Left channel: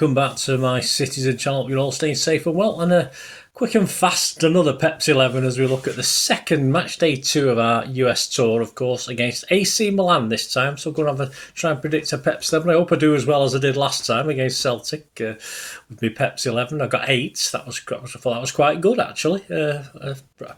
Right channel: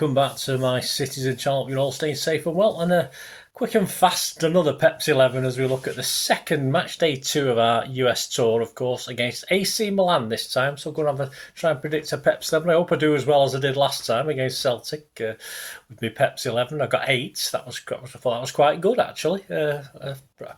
welcome back to my Citizen channel. You're all staying safe and well, and quick and fast another Pepsi 11 as we look at the second match day 2 of our US tour, of course, against AC Milan this time. So we're going to try and predict a Pepsi 11. I hope I do as well as I did last time against Celtic with my Pepsi 11. I got 8. I thought that was quite good actually.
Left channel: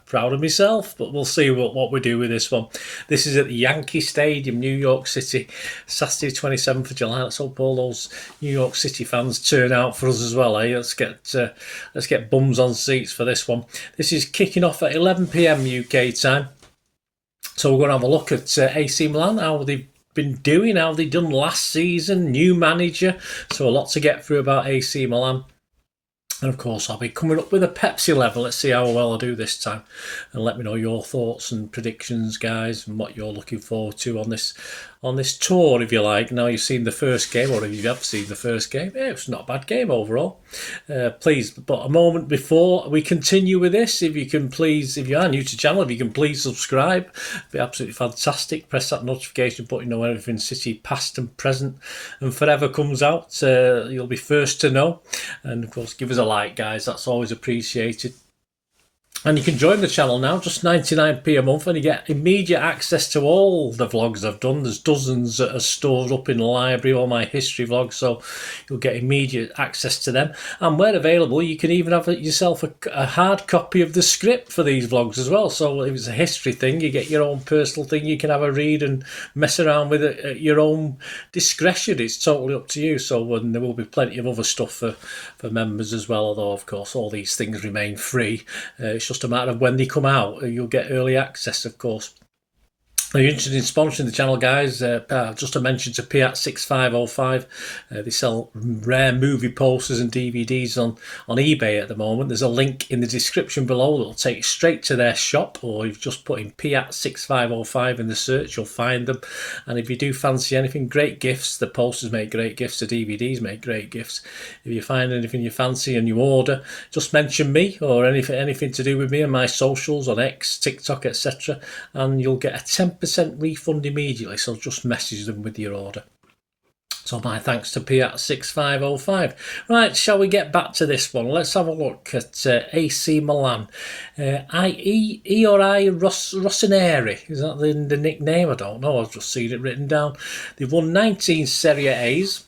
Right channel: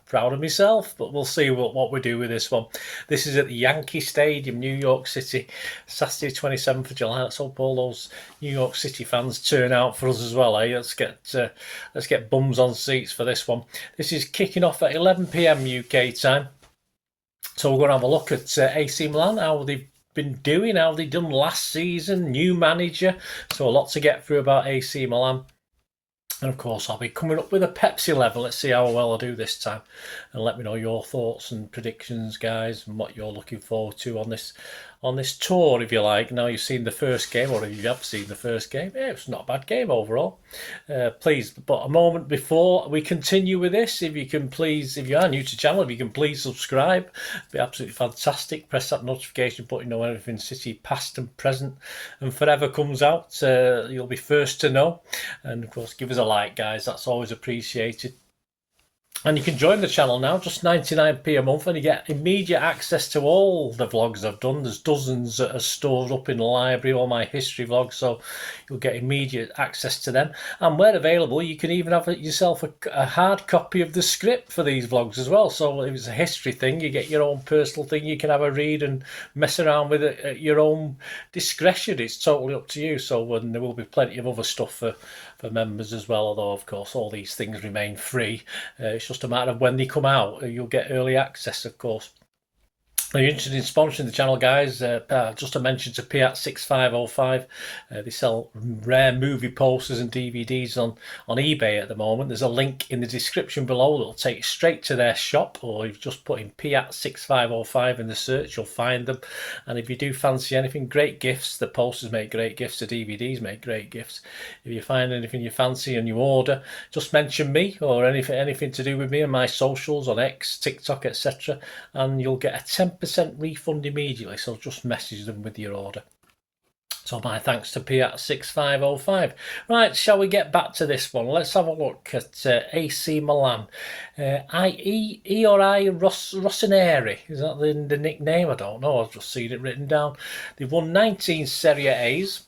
Proud of myself, but we'll see what we do with this one. This is at the Yankee Stadium, New York City, Saturday 27th of July. Let's hope all those New York City fans turn out for us as well, eh? Let's get bums on seats for this one. This is kicking off at 11 p.m. UK time. So we're going to have a look at AC Milan, how they've been doing, how they done last season, new manager. So a lot to get through about AC Milan. And of course, I'll be coming up with a Pepsi level. Let's see how well I do this time. And let me know your thoughts and predictions, guys, and what you're looking forward to on this tour, if you like. Now you've seen the first game, or if you have seen the first game, yeah, it's not a bad game overall. Please, but a moment before we continue with this, if you are new to the channel, if you can please subscribe. It'd be absolutely fantastic. Press that notification button, know everything City past and present and forever comes out. You'll be first to know. And of course, give us a like, guys. That's always appreciated. And you can join the channel now, just 99p a month, and you get immediate access to all the vlogs I've done. There's dozens that are stored up in the library, all my history vlogs, so you'll get immediate access to them. And where available, you can even have yourself a hard copy of the script for these vlogs as well. So if it's a history thing, you get your own personal thing, you can have a read and mess around with it at your own discretion. It's totally up to you. So there will be plenty of other stuff for members as well, although of course all these things remain free. It's just a matter of when they come out. You'll get early access, of course. If you're interested in sponsoring the channel, guys, just a mention to Kippax 6505. They sell rare movie posters and DVDs on eBay at the moment. There's a link in the description below that will take you straight to their shop, or if you just put in Kippax 6505 in the search, you'll find them. And if you do fancy anything, great gifts. The posters make great gifts, the DVDs make great gifts. If you find anything you fancy and you order, just mention me or anything to do with me and my socials on X, TikTok, etc., and you'll get a 10% refund immediately, so just message them with your order. So my thanks to Kippax 6505. Right, shall we get back to this one? Let's have a look at AC Milan. Rossoneri, is that the nickname? I don't know, I've just seen it written down. They've won 19 Serie A's,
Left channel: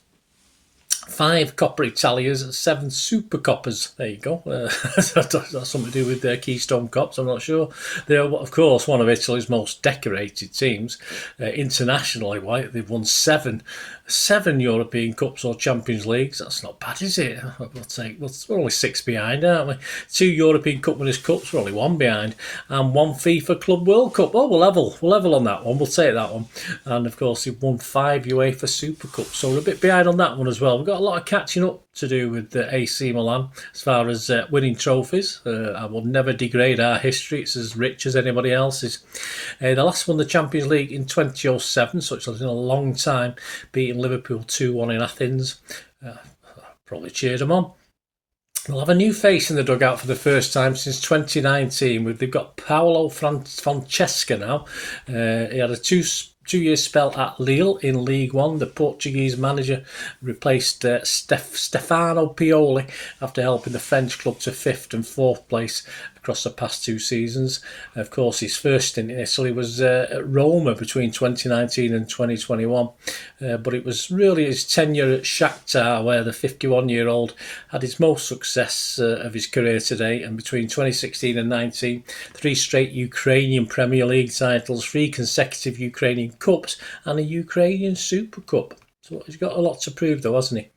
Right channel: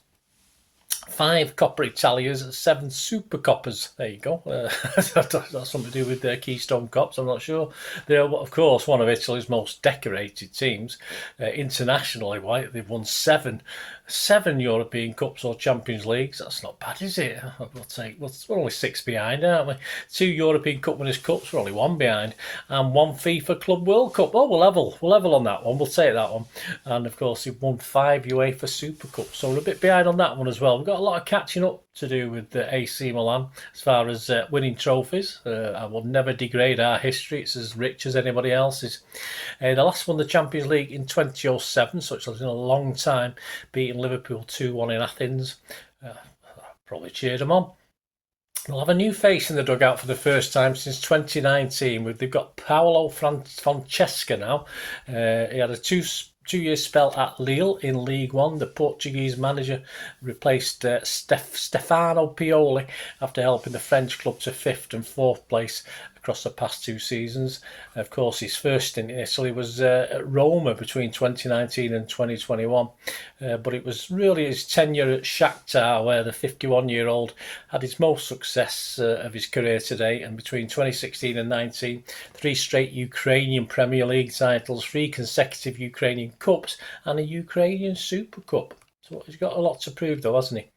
5 Coppa Italias and 7 Super Coppas. There you go. That's something to do with their Keystone Cups, I'm not sure. They're, of course, one of Italy's most decorated teams. Internationally, they've won 7 European Cups or Champions Leagues. That's not bad, is it? We're only 6 behind, aren't we? 2 European Cup Winners' Cups, we're only 1 behind, and 1 FIFA Club World Cup. Oh, we're level on that one. We'll take that one. And of course, they've won 5 UEFA Super Cups, so we're a bit behind on that one as well. We've got a lot of catching up to do with the AC Milan as far as winning trophies. I will never degrade our history. It's as rich as anybody else's. The last won the Champions League in 2007, so it's been a long time, beating Liverpool 2-1 in Athens. Probably cheered them on. We'll have a new face in the dugout for the first time since 2019. They've got Paolo Francesca now. He had a two-year spell at Lille in League One. The Portuguese manager replaced Stefano Pioli after helping the French club to 5th and 4th place across the past 2 seasons. Of course, his first stint in Italy was at Roma between 2019 and 2021. But it was really his tenure at Shakhtar where the 51-year-old had his most success of his career to date. And between 2016 and 19, 3 straight Ukrainian Premier League titles, 3 consecutive Ukrainian Cups, and a Ukrainian Super Cup. So he's got a lot to prove, though, hasn't he?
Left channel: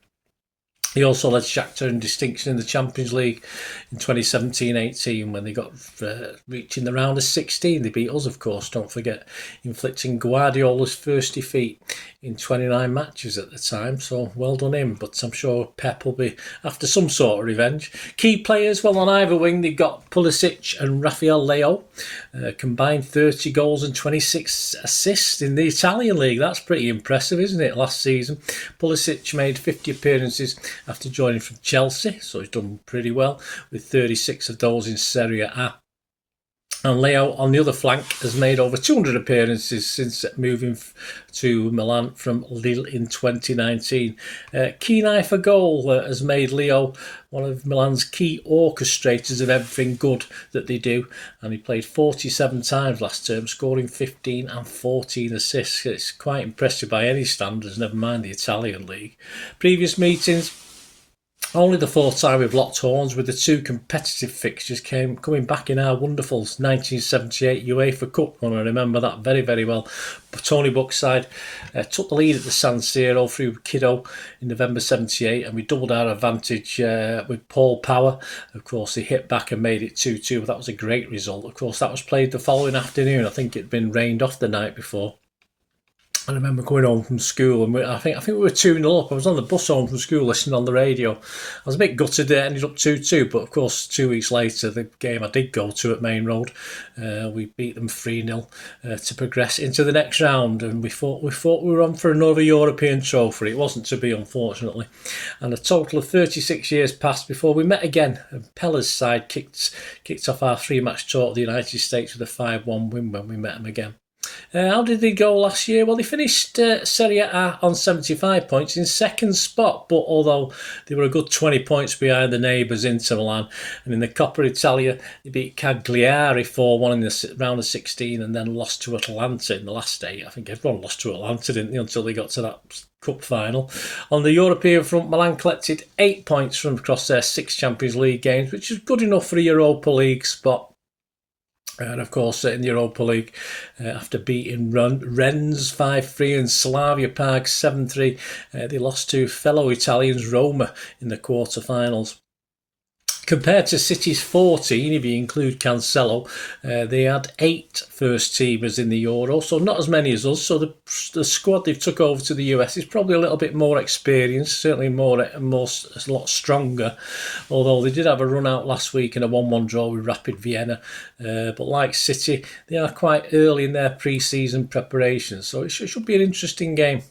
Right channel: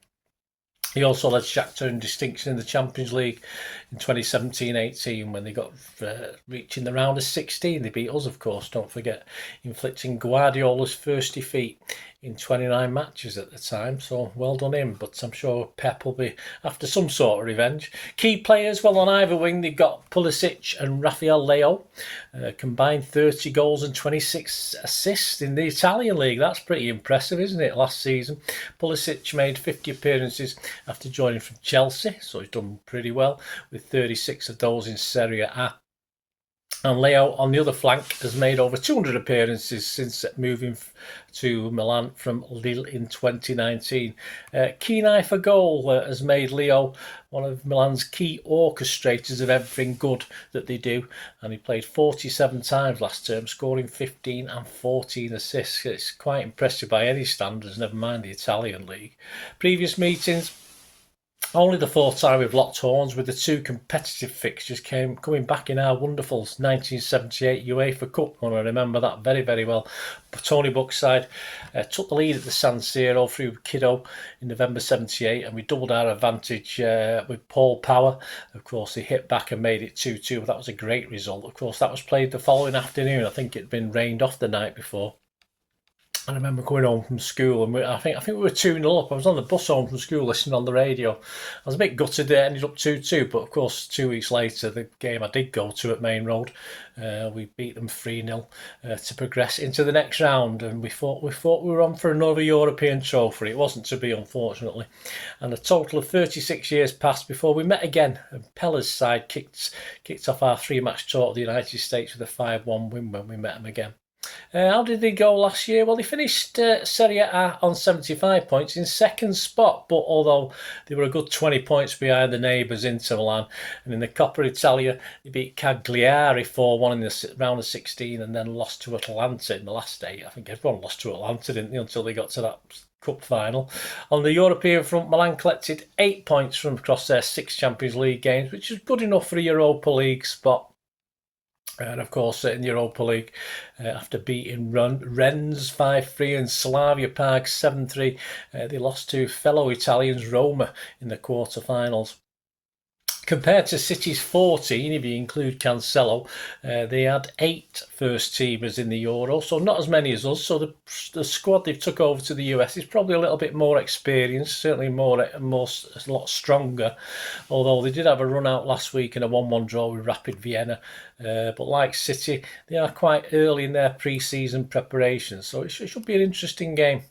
He also led Shakhtar in distinction in the Champions League in 2017-18 when they got reaching the round of 16. They beat us, of course, don't forget, inflicting Guardiola's first defeat in 29 matches at the time. So well done him, but I'm sure Pep will be after some sort of revenge. Key players, well, on either wing, they've got Pulisic and Rafael Leao. Combined 30 goals and 26 assists in the Italian league. That's pretty impressive, isn't it, last season? Pulisic made 50 appearances after joining from Chelsea, so he's done pretty well with 36 of those in Serie A. And Leo on the other flank has made over 200 appearances since moving to Milan from Lille in 2019. Keen eye for goal has made Leo one of Milan's key orchestrators of everything good that they do. And he played 47 times last term, scoring 15 and 14 assists. It's quite impressive by any standards, never mind the Italian league. Previous meetings, only the fourth time we've locked horns, with the two competitive fixtures coming back in our wonderful 1978 UEFA Cup. And I remember that very, very well. But Tony Buck's side took the lead at the San Siro through Kiddo in November 78, and we doubled our advantage with Paul Power. Of course, he hit back and made it 2-2. That was a great result. Of course, that was played the following afternoon. I think it'd been rained off the night before. I remember going home from school, and I think we were 2-0 up. I was on the bus home from school listening on the radio. I was a bit gutted that it ended up 2-2, but of course 2 weeks later, the game I did go to at Main Road, we beat them 3-0 to progress into the next round, and we thought we were on for another European trophy. It wasn't to be, unfortunately. And a total of 36 years passed before we met again. And Pella's side kicked off our 3-match tour to the United States with a 5-1 win when we met them again. How did they go last year? Well, they finished Serie A on 75 points in second spot, but although they were a good 20 points behind the neighbours Inter Milan, and in the Coppa Italia they beat Cagliari 4-1 in the round of 16 and then lost to Atalanta in the last 8. I think everyone lost to Atalanta, didn't they, until they got to that Cup final. On the European front, Milan collected 8 points from across their 6 Champions League games, which is good enough for a Europa League spot. And of course, in the Europa League, after beating Rennes 5-3 and Slavia Prague 7-3, they lost to fellow Italians Roma in the quarter-finals. Compared to City's 14, if you include Cancelo, they had 8 first-teamers in the Euro, so not as many as us. So the squad they've took over to the US is probably a little bit more experienced, certainly a lot stronger. Although they did have a run out last week in a 1-1 draw with Rapid Vienna. But like City, they are quite early in their pre-season preparations, so it should be an interesting game.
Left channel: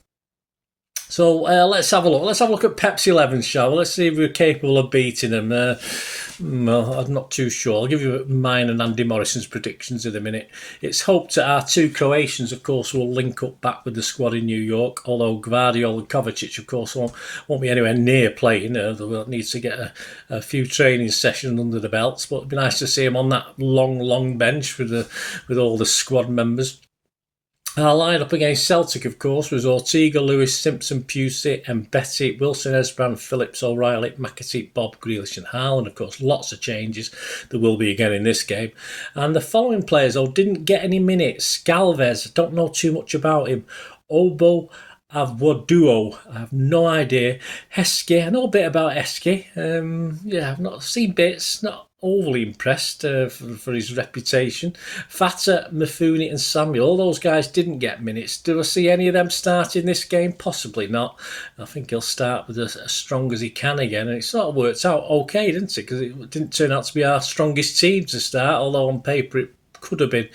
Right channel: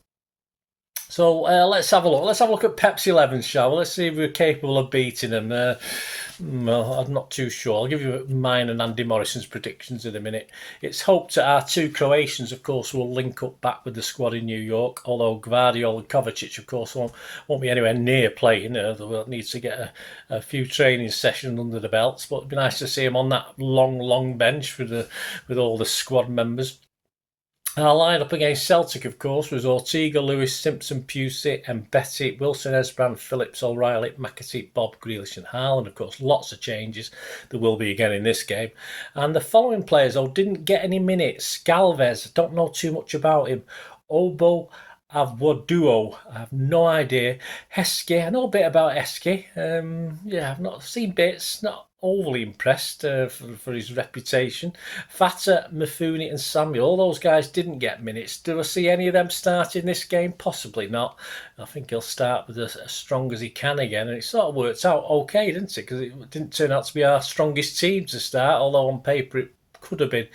So let's have a look. Let's have a look at Pep's 11, shall we? Let's see if we're capable of beating them. Well, I'm not too sure. I'll give you mine and Andy Morrison's predictions in a minute. It's hoped that our 2 Croatians, of course, will link up back with the squad in New York, although Gvardiol and Kovacic, of course, won't be anywhere near playing. They'll need to get a few training sessions under the belts, but it'd be nice to see them on that long bench with all the squad members. Our line-up against Celtic, of course, was Ortega, Lewis, Simpson, Pusey, Mbeti, Wilson, Esbrand, Phillips, O'Reilly, McAtee, Bob, Grealish and Haaland. Of course, lots of changes. There will be again in this game. And the following players, didn't get any minutes. Galvez, don't know too much about him. Obo Avwoduo, I have no idea. Heskey, I know a bit about Heskey. I've not seen bits, not overly impressed for his reputation. Fata, Mifune and Samuel, all those guys didn't get minutes. Do I see any of them start in this game? Possibly not. I think he'll start with as strong as he can again, and it sort of worked out okay, didn't it? Because it didn't turn out to be our strongest team to start, although on paper it could have been.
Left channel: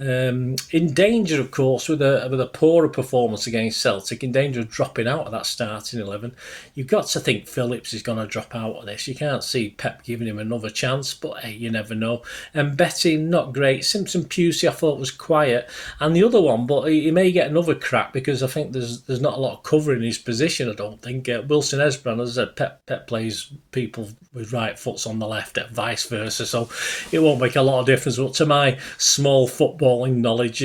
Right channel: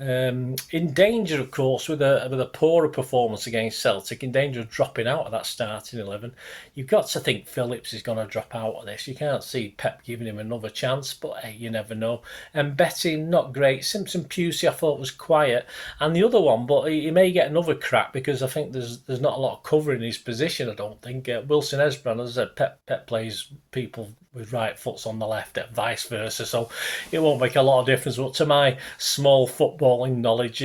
In danger, of course, with a poorer performance against Celtic, in danger of dropping out of that starting 11. You've got to think Phillips is going to drop out of this. You can't see Pep giving him another chance, but hey, you never know. And Betty, not great. Simpson Pusey, I thought was quiet. And the other one, but he may get another crack because I think there's not a lot of cover in his position, I don't think. Wilson Esbrand, as I said, Pep plays people with right foots on the left, vice versa, so it won't make a lot of difference. But to my small footballing knowledge,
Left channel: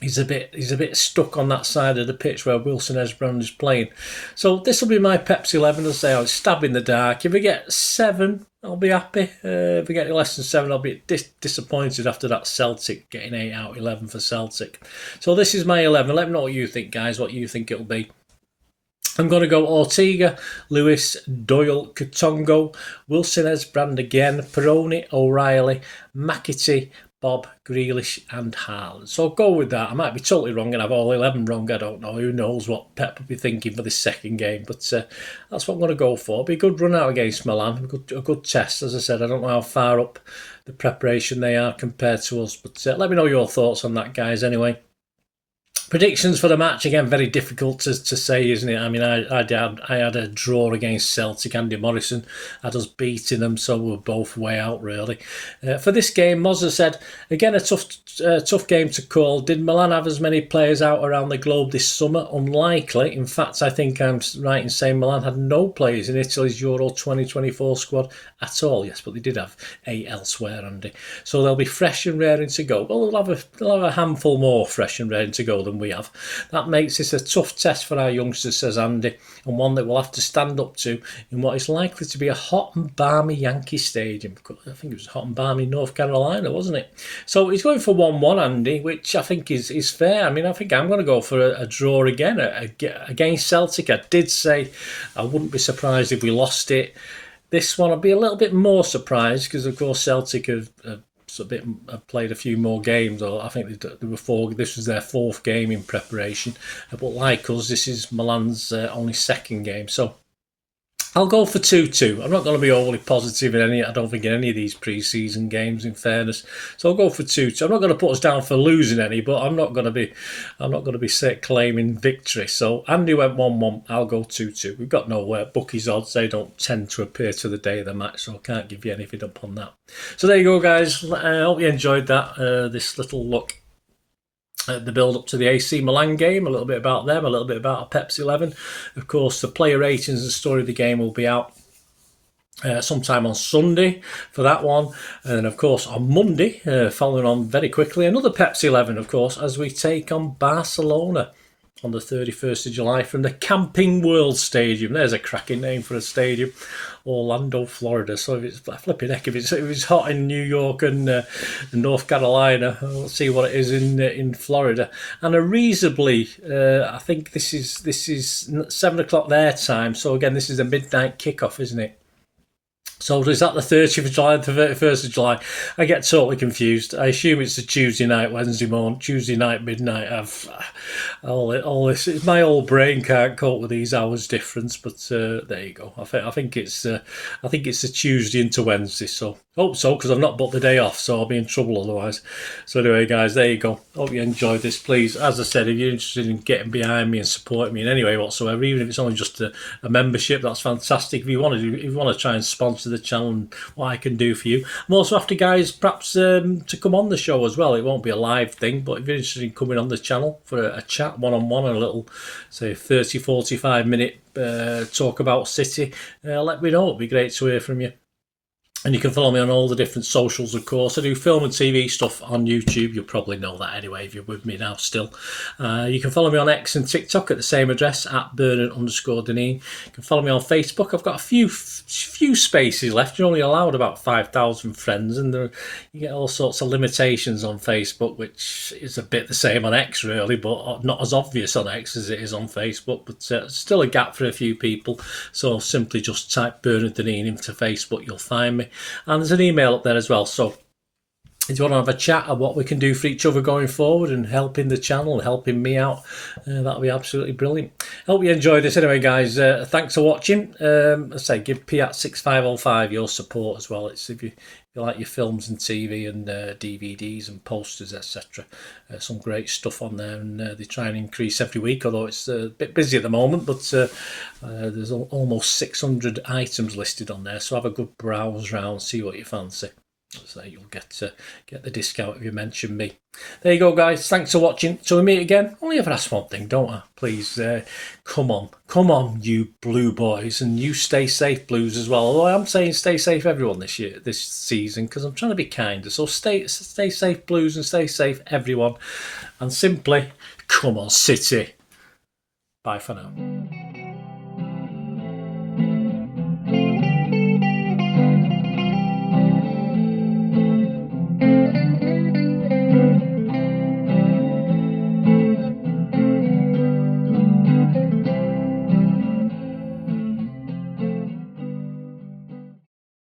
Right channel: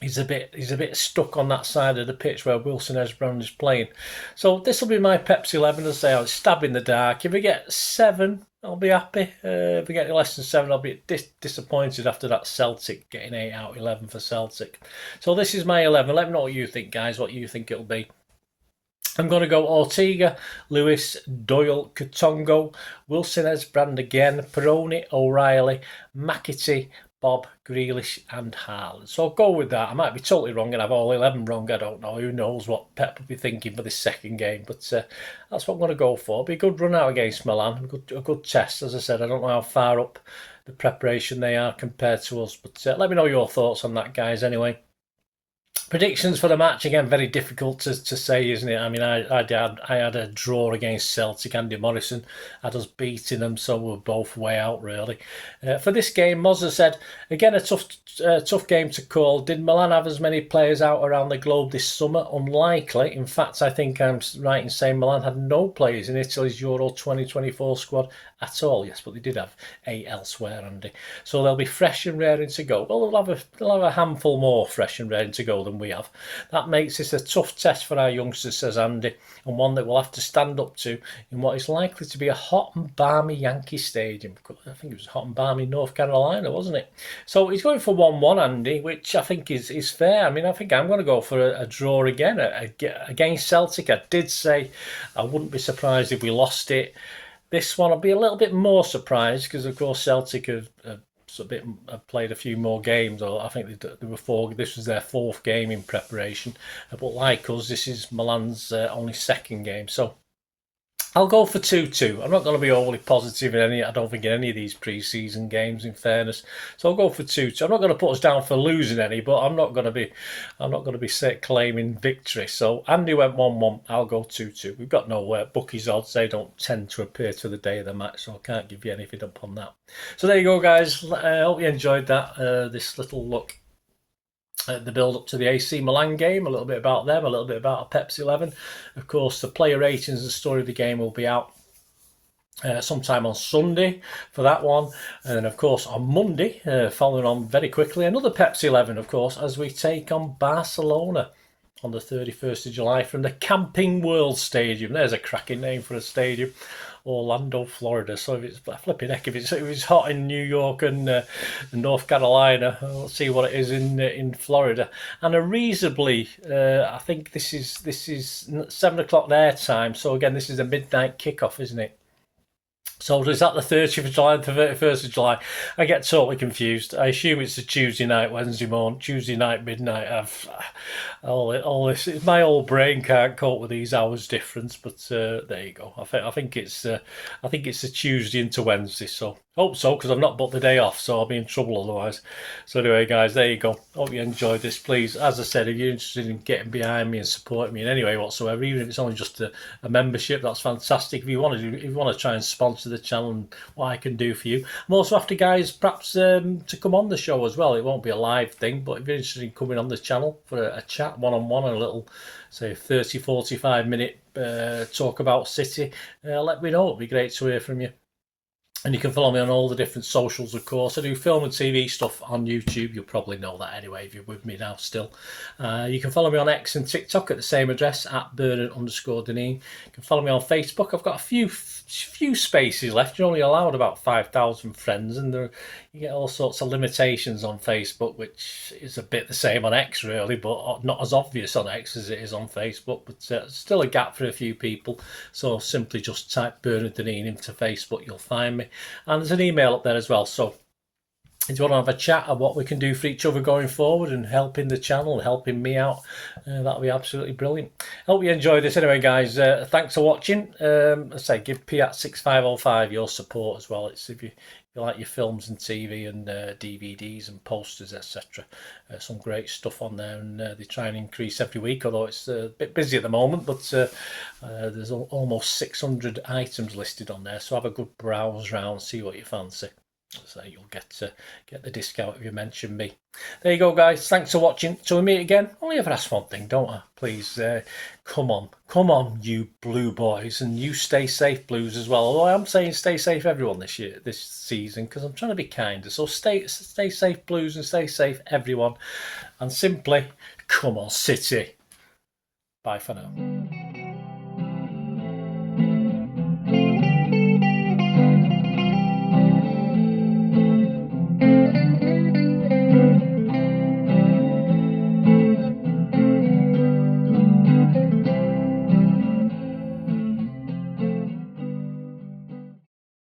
he's a bit stuck on that side of the pitch where Wilson Esbrand is playing. So this will be my Pepsi 11. As I say, I'll stab in the dark. If we get 7, I'll be happy. If we get less than 7, I'll be disappointed after that Celtic getting 8 out of 11 for Celtic. So this is my 11. Let me know what you think, guys, what you think it'll be. I'm going to go Ortega, Lewis, Doyle, Katongo, Wilson Esbrand again, Peroni, O'Reilly, McAtee, Bob, Grealish and Haaland. So I'll go with that. I might be totally wrong and have all 11 wrong. I don't know. Who knows what Pep will be thinking for this second game. But that's what I'm going to go for. It'll be a good run out against Milan. A good test. As I said, I don't know how far up the preparation they are compared to us. But let me know your thoughts on that, guys, anyway. Predictions for the match, again, very difficult to say, isn't it? I mean, I had a draw against Celtic. Andy Morrison had us beating them, so we're both way out, really. For this game, Mozza said, again, a tough game to call. Did Milan have as many players out around the globe this summer? Unlikely. In fact, I think I'm right in saying Milan had no players in Italy's Euro 2024 squad at all. Yes, but they did have 8 elsewhere, Andy. So they'll be fresh and raring to go. Well, they'll have a handful more fresh and raring to go than we have. That makes this a tough test for our youngsters, says Andy, and one that we'll have to stand up to in what is likely to be a hot and balmy Yankee Stadium. I think it was hot and balmy North Carolina, wasn't it? So he's going for 1-1, Andy, which I think is fair. I mean, I think I'm going to go for a draw again against Celtic. I did say I wouldn't be surprised if we lost it. This one I'd be a little bit more surprised because, of course, Celtic have played a few more games, or I think they were 4. This was their 4th game in preparation. But like us, this is Milan's only 2nd game. So I'll go for 2-2. I'm not going to be overly positive in any. I don't think in any of these pre-season games, in fairness. So I'll go for 2-2. I'm not going to put us down for losing any, but I'm not going to be claiming victory. So Andy went 1-1. I'll go 2-2. We've got no bookies odds. They don't tend to appear to the day of the match, so I can't give you anything up on that. So there you go, guys. I hope you enjoyed that. This little look at the build up to the AC Milan game, a little bit about them, a little bit about a Pepsi 11. Of course, the player ratings and story of the game will be out sometime on Sunday for that one. And then, of course, on Monday, following on very quickly, another Pepsi 11, of course, as we take on Barcelona on the 31st of July from the Camping World Stadium. There's a cracking name for a stadium. Orlando, Florida. So if it's flipping heck, if it's hot in New York and North Carolina, we'll see what it is in Florida. And a reasonably, I think this is 7 o'clock their time. So again, this is a midnight kickoff, isn't it? So is that the 30th of July, the 31st of July? I get totally confused. I assume it's a Tuesday night, Wednesday morning, Tuesday night, midnight. All this. My old brain can't cope with these hours difference, but there you go. I think it's a Tuesday into Wednesday. So hope so, because I've not booked the day off, so I'll be in trouble otherwise. So anyway, guys, there you go. Hope you enjoyed this. Please, as I said, if you're interested in getting behind me and supporting me in any way whatsoever, even if it's only just a membership, that's fantastic. If you want to try and sponsor the channel and what I can do for you, I'm also after guys perhaps to come on the show as well. It won't be a live thing, but if you're interested in coming on the channel for a chat one-on-one and a little, say, 30-45 minute talk about City, let me know. It'd be great to hear from you. And you can follow me on all the different socials, of course. I do film and TV stuff on YouTube. You'll probably know that anyway if you're with me now still. You can follow me on X and TikTok at the same address, at Bernard_Deneen. You can follow me on Facebook. I've got a few spaces left. You're only allowed about 5,000 friends, and you get all sorts of limitations on Facebook, which is a bit the same on X, really, but not as obvious on X as it is on Facebook. But still a gap for a few people. So simply just type Bernard Deneen into Facebook. You'll find me. And there's an email up there as well. So if you want to have a chat of what we can do for each other going forward and helping the channel and helping me out, that'll be absolutely brilliant. Hope you enjoyed this. Anyway, guys, thanks for watching. I say give Piat6505 your support as well. It's if you like your films and TV and DVDs and posters, etc. Some great stuff on there, and they try and increase every week, although it's a bit busy at the moment, but there's almost 600 items listed on there, so have a good browse round, see what you fancy. So you'll get the discount if you mention me. There you go, guys. Thanks for watching. Till we meet again, only ever ask one thing, don't I? Please, come on, you blue boys, and you stay safe, blues, as well. Although I'm saying stay safe, everyone, this season, because I'm trying to be kinder. So stay safe, blues, and stay safe, everyone. And simply, come on, City. Bye for now.